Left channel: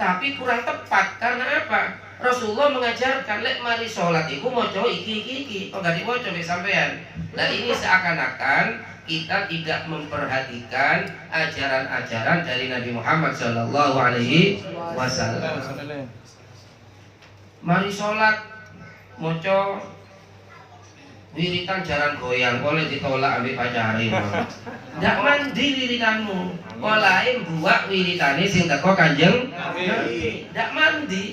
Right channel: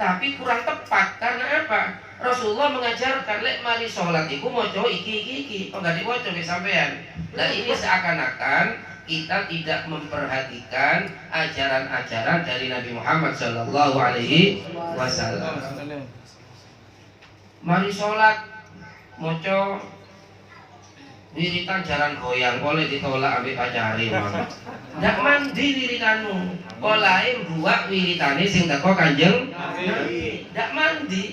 tapi kurang tepat. Karena apa? Rasulullah mengajarkan lek mari sholat iku maca iki kok gak diwaca nek sampean. Nah ini seakan-akan kita tidak memperhatikan ajaran-ajaran dari Nabi Muhammad Shallallahu Alaihi Wasallam. Mari sholat maca wiritan jaran goyang, boleh ditolak ambil pacari. Ndak mandi wiritanmu, olahe buak wiritane sing teko Kanjeng Nabi. Ndak mandi.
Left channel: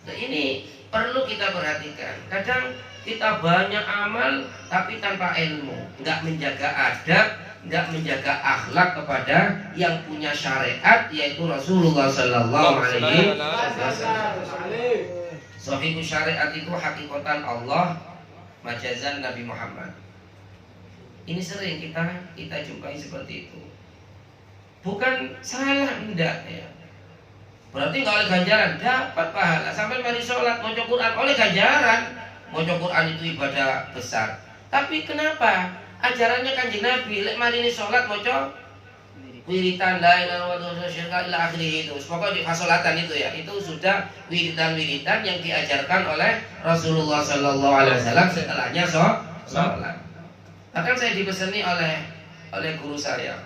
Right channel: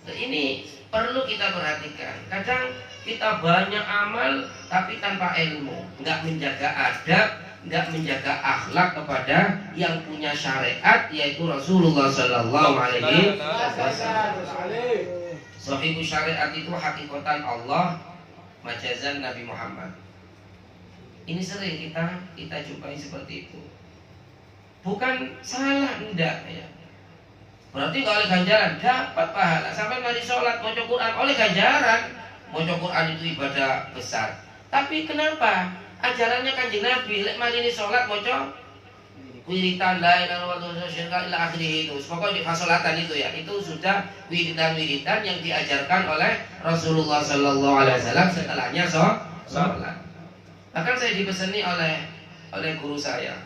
Nah, ini perlu kita perhatikan. Kadang kita banyak amal tapi tanpa ilmu, nggak menjaga adab, nggak menjaga akhlak kepada yang punya syariat, yaitu Rasulullah Sallallahu Alaihi Wasallam. Sahihul syariat itu hakikatan Allah, majazan Nabi Muhammad. Ini sering kita jumpai seperti itu. Bukan salah, enggak ya. Berarti nggak oleh ganjaran, dapat pahala. Sampai mari sholat, maca Quran oleh ganjaran. Maca Quran itu ibadah besar. Tapi kenapa? Ajarannya Kanjeng Nabi, lek mari ini sholat maca wiritan la ilaha illallah ila akhirih itu. Pokoknya di fasolatan itu ya, itu sudah wiritan-wiritan yang diajarkan oleh Rasulullah Sallallahu Alaihi Wasallam setelahnya sholat. Bahkan saya dipeseni oleh guru saya,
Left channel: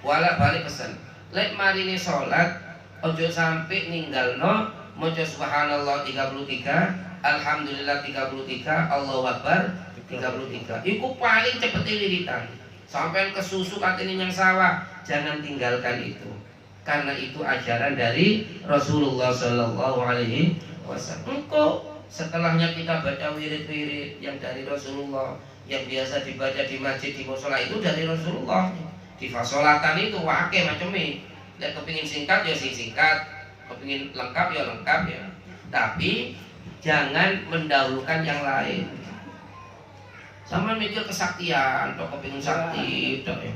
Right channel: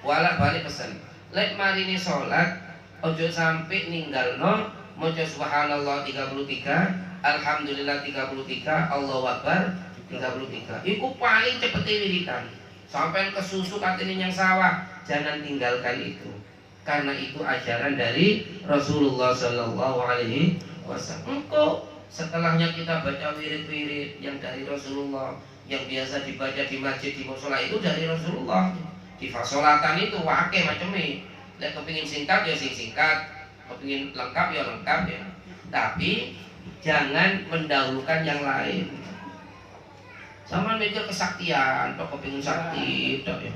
bolak balik pesan, lek mari ini sholat ojo sampai ninggalno maca subhanallah 33, alhamdulillah 33, Allahu akbar 33. Iku paling cepet wiritan. Sampai kesusu katanya yang sawah, jangan tinggalkan itu. Karena itu ajaran dari Rasulullah Sallallahu Alaihi Wasallam. Engkau setelahnya kita baca wirid-wirid yang dari Rasulullah, yang biasa dibaca di masjid, di mushola itu dari Rasulullah. Di fasolatan itu wake macamnya. Lek kepingin singkat ya singkat, kepingin lengkap ya lengkap ya. Tapi jangan mendahulukan yang lain. Sama mikir kesaktian, atau kepingin sakti, toh ya.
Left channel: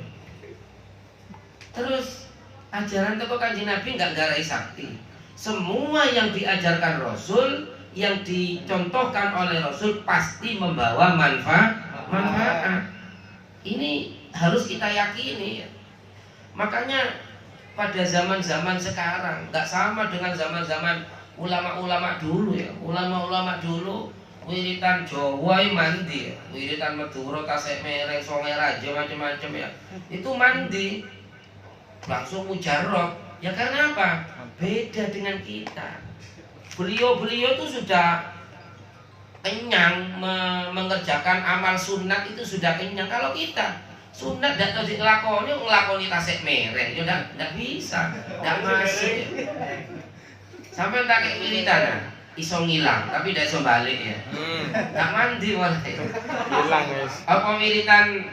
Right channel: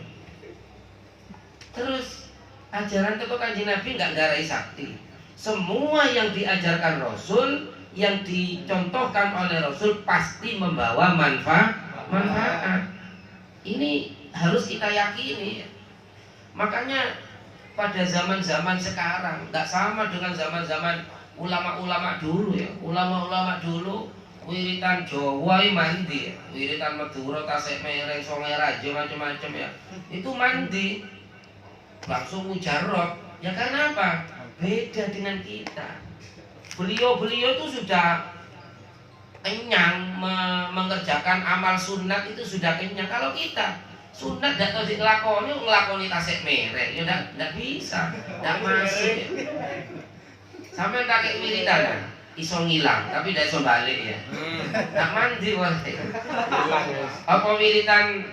Terus ajaran teko Kanjeng Nabi nggak garai sakti. Semua yang diajarkan Rasul, yang dicontohkan oleh Rasul pasti membawa manfaat. Ini harus kita yakini. Makanya pada zaman-zaman sekarang nggak sama dengan zaman-zaman ulama-ulama dulu ya. Ulama-ulama dulu wiritan Jawa mandi ya. Wiritan Madura, Tasik Mereng, Songai Raja macam-macam ya. Itu mandi langsung mujarab. Ya karena apa? Beda dengan kita. Beliau-beliau itu sudah kenyang mengerjakan amal sunat, itu sudah kenyang. Kalau kita sunat tidak tahu ngelakoni Tasik Mereng, ya tidak bisa, tidak masuk ya. Sampai tak kayak wiritan iso ngilang, tapi tidak iso balik ya. Tak mandi walai. Apa wiritan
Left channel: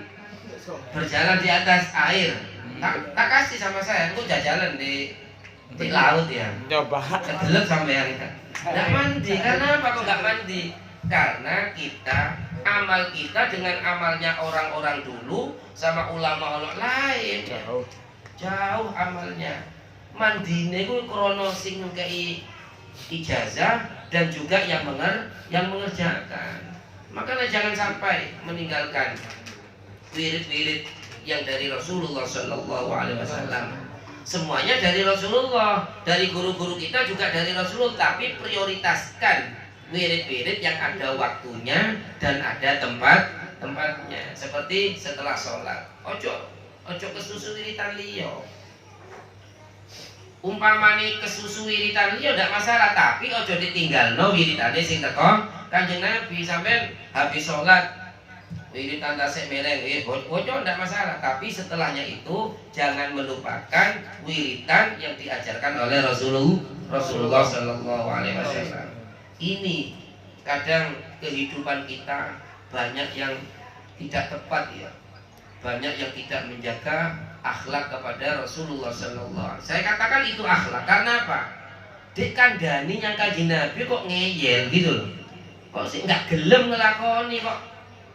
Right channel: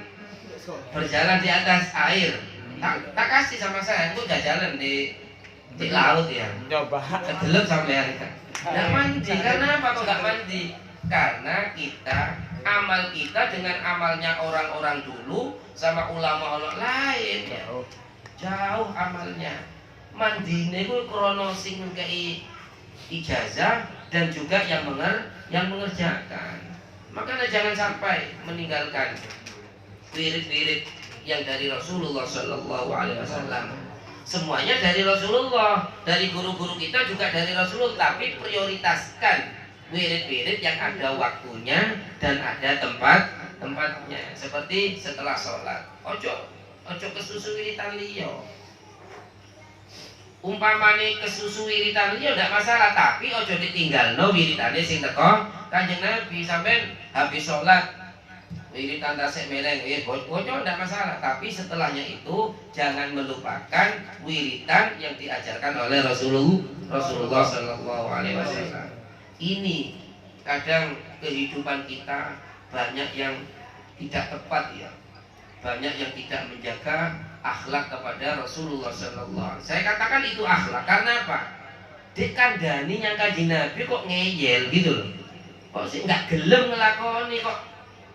berjalan di atas air? Tak kasih sama saya, aku jalan di laut ya. Coba. Kedelep sampean. Tidak mandi, karena apa kok nggak mandi? Karena amal kita dengan amalnya orang-orang dulu sama ulama-ulama lain ya. Jauh amalnya. Mandine ku krono sing ngekei ijazah dan juga yang mengerjakan. Makanya jangan sampai meninggalkan wirid-wirid yang dari Rasulullah Sallallahu Alaihi Wasallam. Semuanya dari Rasulullah, dari guru-guru kita juga dari Rasulullah. Tapi prioritaskan wirid-wirid yang ada waktunya dan ada tempatnya. Seperti setelah sholat, ojo kesusu wiritan liyo. Umpamane kesusu wiritan liyo tidak masalah, tapi ojo ditinggal no wiritane sing teko Kanjeng Nabi. Sampean habis sholat wiritan Tasik Mereng, ojo tidak masalah, tapi setelahnya itu jangan melupakan wiritan yang diajarkan oleh Rasulullah Sallallahu Alaihi Wasallam. Ini kadang kehidupan kita banyak yang tidak tepat ya, banyak yang tidak menjaga akhlak kepada Rasulullah Sallallahu Alaihi Wasallam. Saya katakan itu akhlak karena apa? Dek kandani yang Kanjeng Nabi kok ngeyel gitu loh, kok sih nggak gelem ngelakoni, kok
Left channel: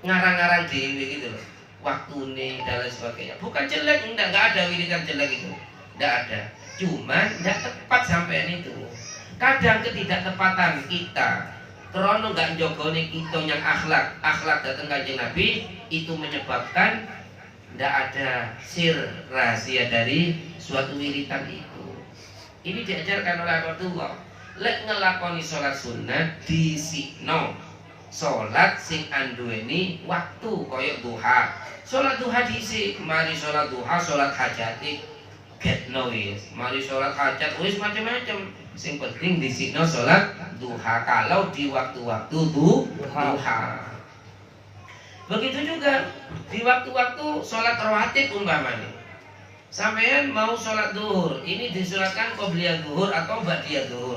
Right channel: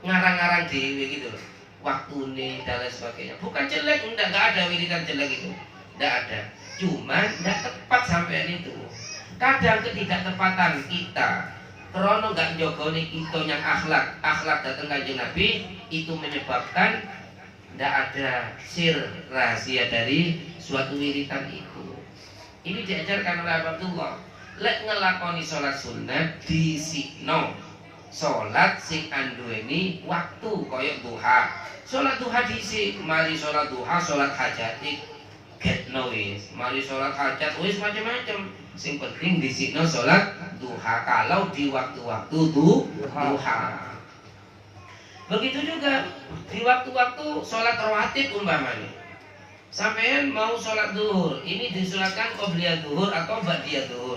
ngarang-ngarang dewi gitu loh, waktune dan lain sebagainya. Bukan jelek, nggak ada wiridan jelek itu, nggak ada. Cuman nggak tepat sampean itu. Kadang ketidaktepatan kita krono nggak njogoni kita yang akhlak datang Kanjeng Nabi, itu menyebabkan tidak ada sir rahasia dari suatu wiritan itu. Ini diajarkan oleh Abdullah. Lek ngelakoni sholat sunat disikno. Sholat sing anduweni waktu koyok duha. Sholat duha disik, mari sholat duha, sholat hajat getno wis. Mari sholat hajat wis macam-macam. Sing penting disikno sholat duha kalau di waktu-waktu duha. Begitu juga di waktu-waktu sholat rawatib umpamanya. Sampean mau sholat duhur, ini disunatkan qobliyah duhur atau ba'diyah duhur.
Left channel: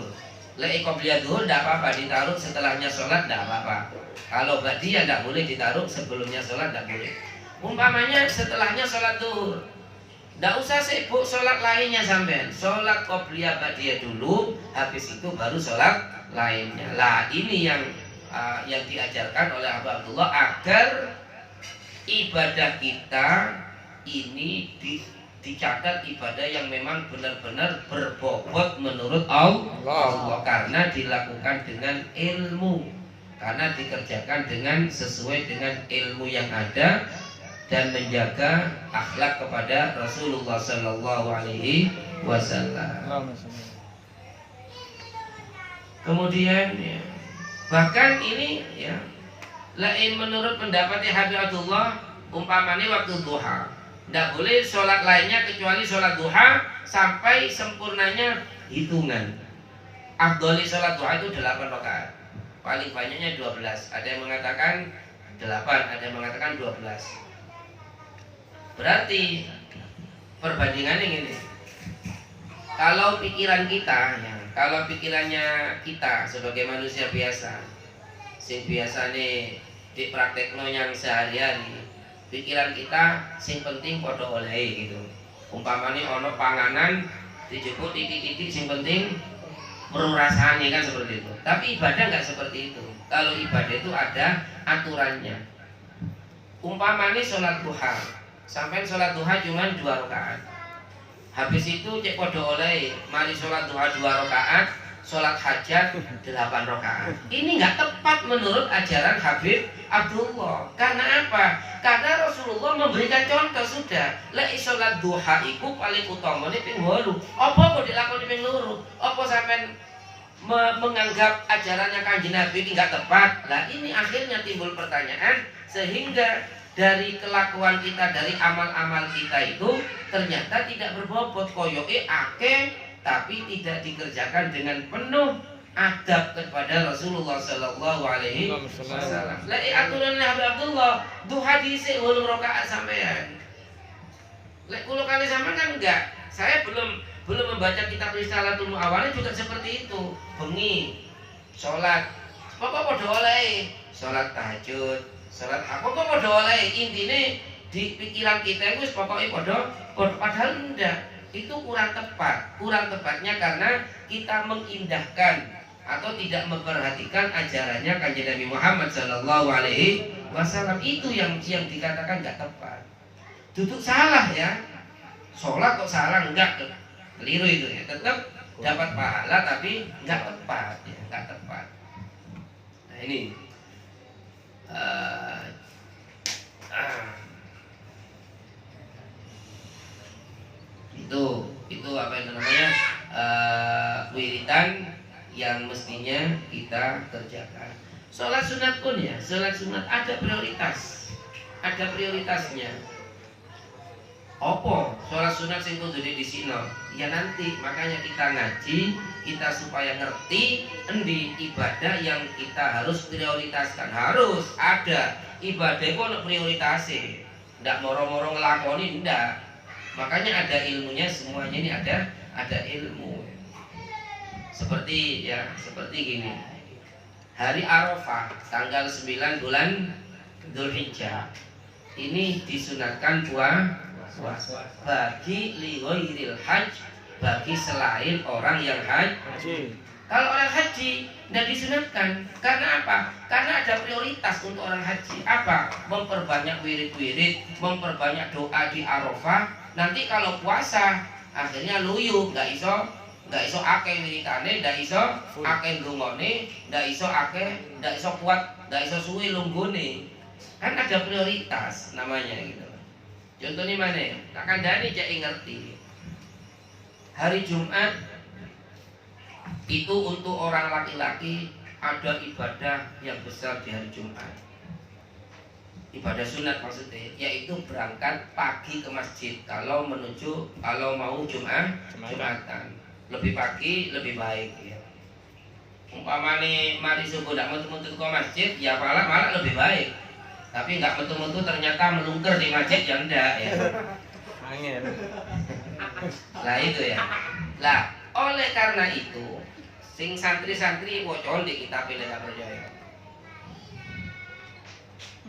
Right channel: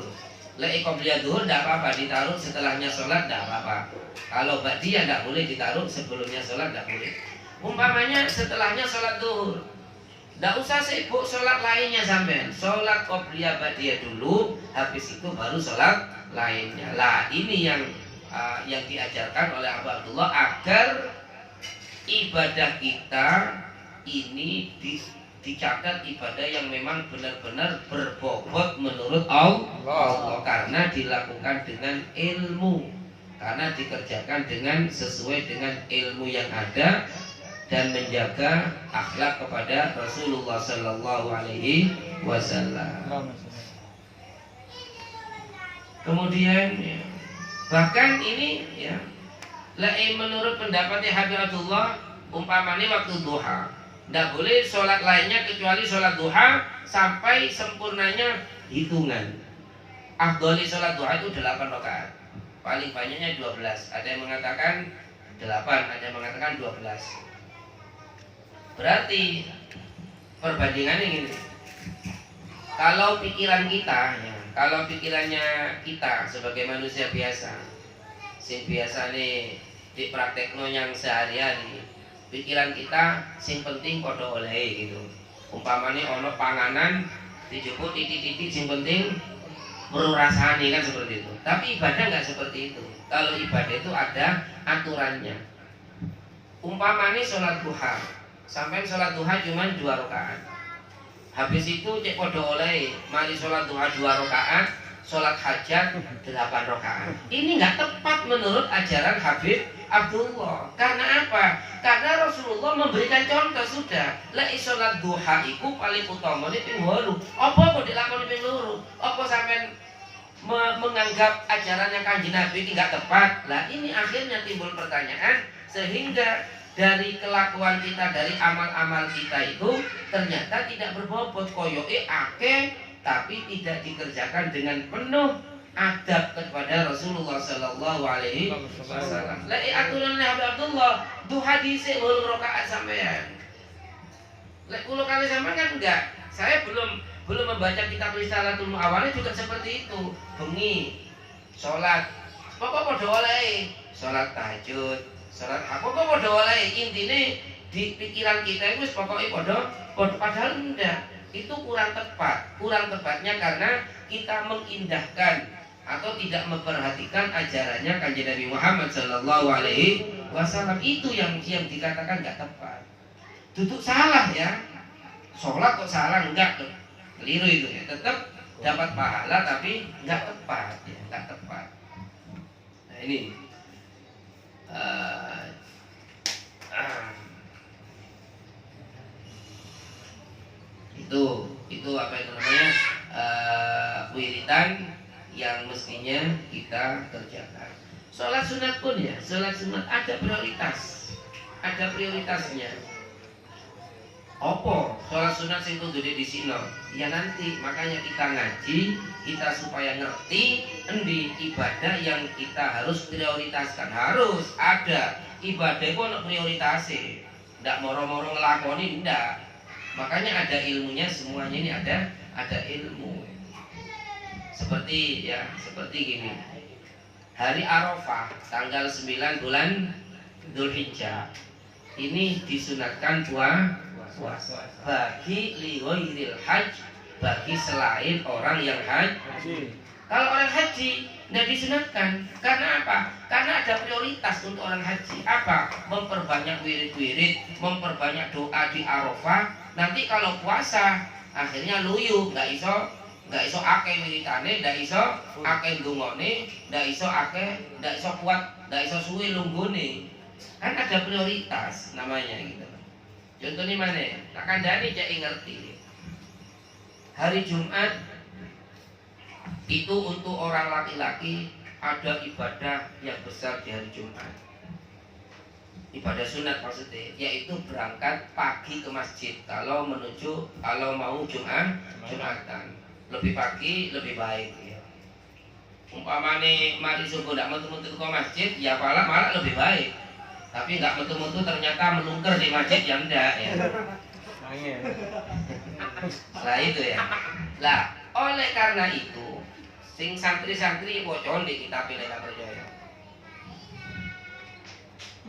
Lek qobliyah duhur tidak apa-apa, ditaruh setelahnya sholat tidak apa-apa. Kalau ba'diyah tidak boleh ditaruh sebelumnya sholat, tidak boleh. Umpamanya setelahnya sholat duhur, tidak usah sibuk sholat lainnya sampean. Sholat qobliyah ba'diyah dulu, habis itu baru sholat lainnya. Lah ini yang diajarkan oleh Abu Abdullah agar ibadah kita ini dicatat ibadah yang memang benar-benar berbobot menurut Allah karena dilakukan dengan ilmu, karena dikerjakan dengan sesuai dengan ilmu yang ada dan menjaga akhlak kepada Rasulullah Sallallahu Alaihi Wasallam. Kemudian ya, bahkan ini ya, lain menurut pendapatnya Habib Abdullah, umpamanya waktu duha tidak boleh sholat lainnya kecuali sholat duha sampai sempurnanya hitungan. Afdholi sholat duha itu 8 rakaat, paling banyaknya 12. Ada yang mengatakan 8, ada yang mengatakan 12. Berarti perbandingannya ini, kalau pikiran kita ya, kalau pikirannya kita sebagai manusia biasa, sing biasa nih di praktekno yang sehari-hari, pikiran kita sing penting podo oleh gitu. Umpamanya ono panganan dijemput titik-titik sing penting merasanya kan seperti itu. Tapi ibadah nggak seperti itu. Kalau ibadah itu ada aturannya. Umpamanya sholat duha, sampai sholat duha cuma 2 rakaat. Habis itu cek podo oleh, mari sholat duha 2 rakaat, sholat hajat 8 rakaat. Ini nggak tepat menurut ajaran Habib Abdullah. Karena apa? Karena Rasulullah memberikan contoh sudah. Lek sholat duha iku paling utama ini ping 8. Apa kok dilakoni ping 2? Apa sampean menganggap ajarannya Kanjeng Nabi tidak tepat? Lah ini akhirnya timbul pertanyaan, sehingga dari kelakuan kita, dari amal-amal kita itu ternyata tidak berbobot, koyoke akeh tapi tidak dikerjakan dengan penuh adab kepada Rasulullah Sallallahu Alaihi Wasallam. Lah aturan Nabi Abdullah duha dhisik 8 rakaat sampean. Lek kula kali sampean kan enggak. Saya belum membaca kitab Risalatul awalnya juga seperti itu. Bengi salat pokok padha oleh, salat tahajud, salat pokok padha oleh. Intine di pikiran kita itu pokoknya padahal enggak. Itu kurang tepat. Kurang tepatnya karena kita mengindahkan atau tidak memperhatikan ajarannya Kanjeng Nabi Muhammad Sallallahu Alaihi Wasallam. Itu yang dikatakan nggak tepat. Duduk salah ya, sholat kok salah, enggak, keliru itu ya. Tetap dapat pahala tapi nggak tepat ya, nggak tepat. Nah ini itu apa itu namanya, wiridan yang mestinya kita kerjakan. Sholat sunat pun ya, sholat sunat ada prioritasnya. Opo sholat sunat sing kudu disino ya nanti, makanya kita ngaji, kita supaya ngerti endi ibadah yang kita harus prioritaskan. Harus ada ibadah itu ada prioritasnya, ndak moro-moro ngelakoni, ndak. Makanya ada ilmunya, semuanya ini ada ilmu. Seperti gini. Hari Arafah tanggal 9 bulan Dzulhijjah ini disunatkan puasa bagi lighairil hajj, bagi selain orang yang haji. Kalau orang haji tidak disunatkan. Karena apa? Karena ada prioritas untuk orang haji. Apa? Memperbanyak wirid-wirid, memperbanyak doa di Arafah. Nanti kalau puasa akhirnya luyu, nggak iso akeh wiritane, nggak iso akeh ndongone, nggak iso kuat, nggak iso suwi lunggone. Kan ada prioritas namanya gitu. Contohnya mana? Tak kandani cek ngerti. Hari Jumat Itu untuk orang laki-laki ada ibadah yang besar di hari Jumat. Ibadah sunat maksudnya, yaitu berangkat pagi ke masjid kalau mau Jumatan. Lebih pagi lebih baik ya. Umpamane mari subuh ndak metu-metu ke masjid, ya malah lebih baik. Tapi nggak metu-metu ternyata melungker di masjid ya ndak ya. Lah itu ya. Lah, oleh karena itu sing santri-santri wocon di kitab Lena Perjaya.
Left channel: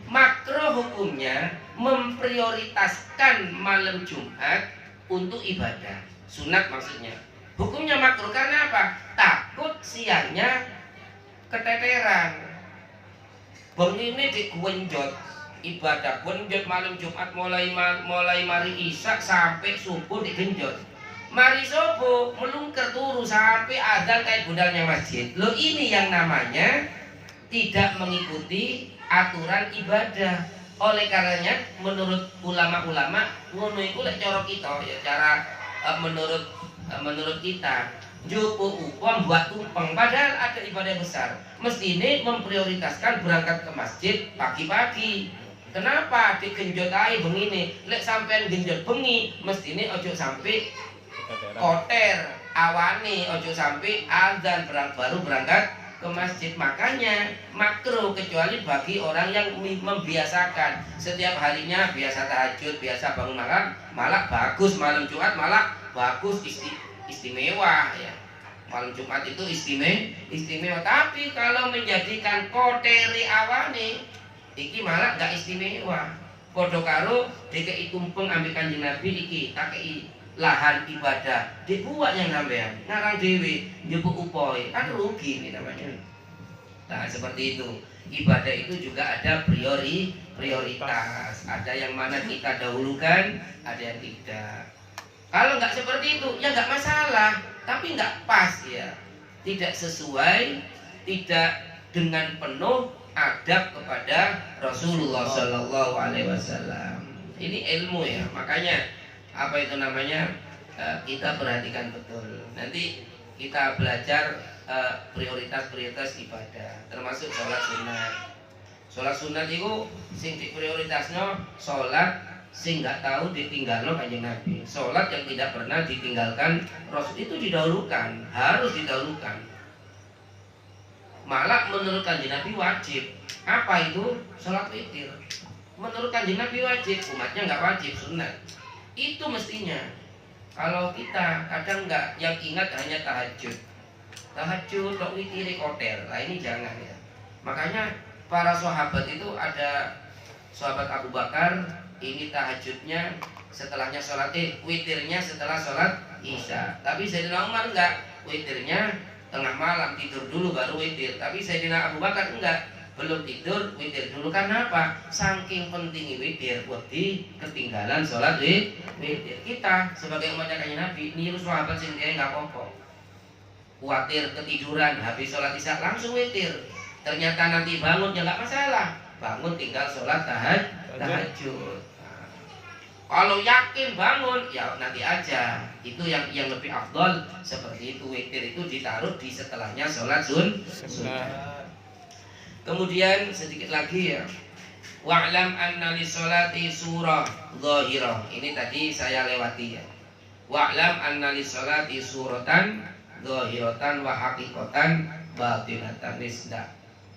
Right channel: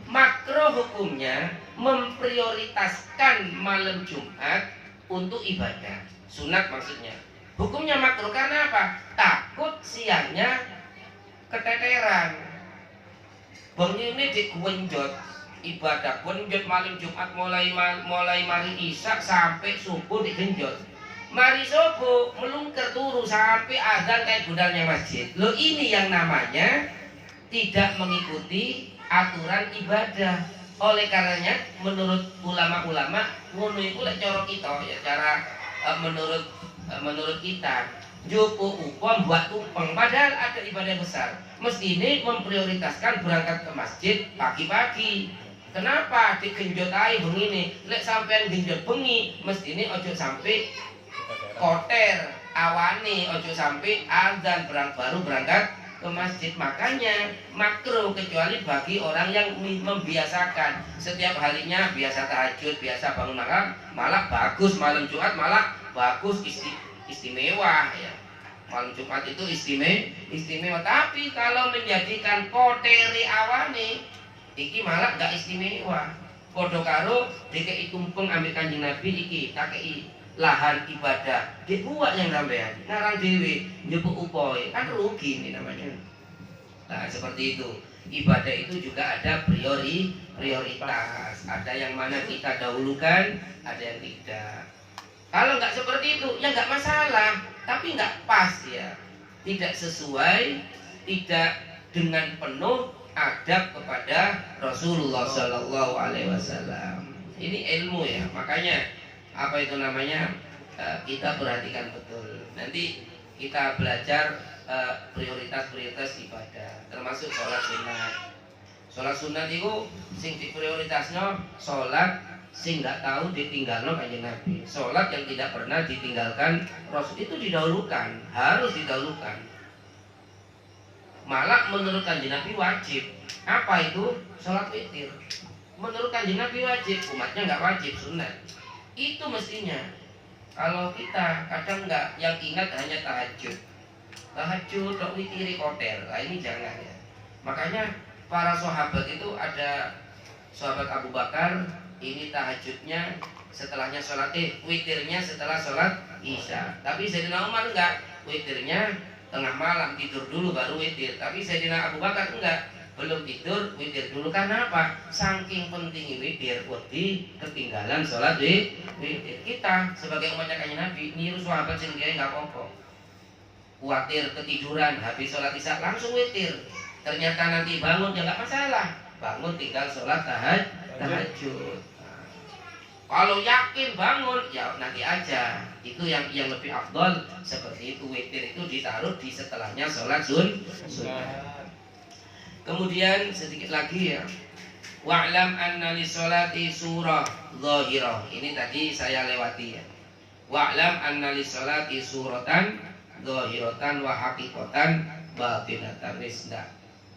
Makro hukumnya memprioritaskan malam Jumat untuk ibadah sunat maksudnya. Hukumnya makro karena apa? Takut siangnya keteteran. Bengi ini digwenjot ibadah genjot malam Jumat mulai mari isak sampai subuh digenjot. Mari subuh melungker turu sampai azan kayak gudangnya masjid. Loh ini yang namanya tidak mengikuti aturan ibadah. Oleh karenanya menurut ulama-ulama ngono iku lek cara kita ya cara menurut kita Jopo upam buat tumpeng padahal ada ibadah besar. Mesti ini memprioritaskan berangkat ke masjid pagi-pagi. Kenapa digenjot ae bengi ini? Lek sampean genjot bengi, mesti ini ojo sampai koter awane, ojo sampai azan baru berangkat ke masjid. Makanya makruh kecuali bagi orang yang membiasakan setiap harinya biasa tahajud, biasa bangun malam bagus, malam Jumat malah bagus istimewa ya. Malam Jumat itu istimewa. Tapi kalau menjadikan kotere awane iki malah gak istimewa. Padha karo dikei tumpeng ambek Kanjeng Nabi iki takei lahan ibadah dibuat yang sampean ngarang dewe njupuk upoe kan rugi ini namanya. Nah seperti itu ibadah itu juga ada prioritas, ada yang mana kita dahulukan, ada yang tidak. Kalau nggak seperti itu ya nggak masalah, tapi nggak pas ya, tidak sesuai, tidak dengan penuh adab kepada Rasulullah Shallallahu Alaihi Wasallam. Ini ilmu ya, makanya apa itu namanya kita perhatikan betul. Nanti kita belajar prioritas ibadah, termasuk sholat sunat. Sholat sunat itu sing diprioritasnya sholat sing nggak tahu ditinggalno Kanjeng Nabi. Sholat yang tidak pernah ditinggalkan Rasul itu didahulukan, harus didahulukan. Malah menurut Kanjeng Nabi wajib. Apa itu? Sholat witir. Menurut Kanjeng Nabi wajib, umatnya nggak wajib, sunat. Itu mestinya. Kalau kita kadang nggak, yang ingat hanya tahajud, kok witiri kotel. Nah ini jangan ya. Makanya para sahabat itu ada sahabat Abu Bakar, ini tahajudnya setelahnya sholat witirnya setelah sholat Isya. Tapi Sayyidina Umar enggak, witirnya tengah malam tidur dulu baru witir. Tapi Sayyidina Abu Bakar enggak, belum tidur witir dulu. Karena apa? Saking pentingnya witir, wedi ketinggalan sholat witir. Kita sebagai umatnya Kanjeng Nabi niru sahabat sing dia enggak apa-apa. Khawatir ketiduran habis sholat Isya langsung witir. Ternyata nanti bangun ya enggak masalah. Bangun tinggal sholat tahajud. Kalau yakin bangun ya nanti aja. Itu yang lebih afdol seperti itu. Witir itu ditaruh di setelahnya sholat sunnah. Kemudian sedikit lagi ya. Wa'lam anna li sholati surah zahirah. Ini tadi saya lewati ya. Wa'lam anna li sholati suratan zahiratan wa haqiqatan batinatan.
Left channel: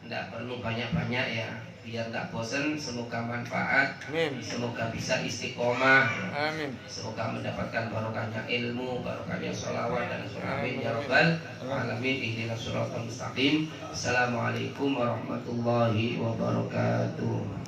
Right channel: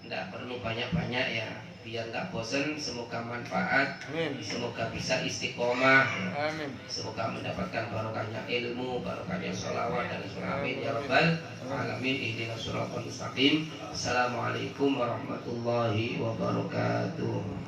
Nggak perlu banyak-banyak ya, biar nggak bosan. Semoga manfaat. Amin. Semoga bisa istiqomah. Amin. Semoga mendapatkan barokahnya ilmu, barokahnya sholawat dan surah. Amin ya rabbal alamin. Ihdinas siratal mustaqim. Assalamualaikum warahmatullahi wabarakatuh.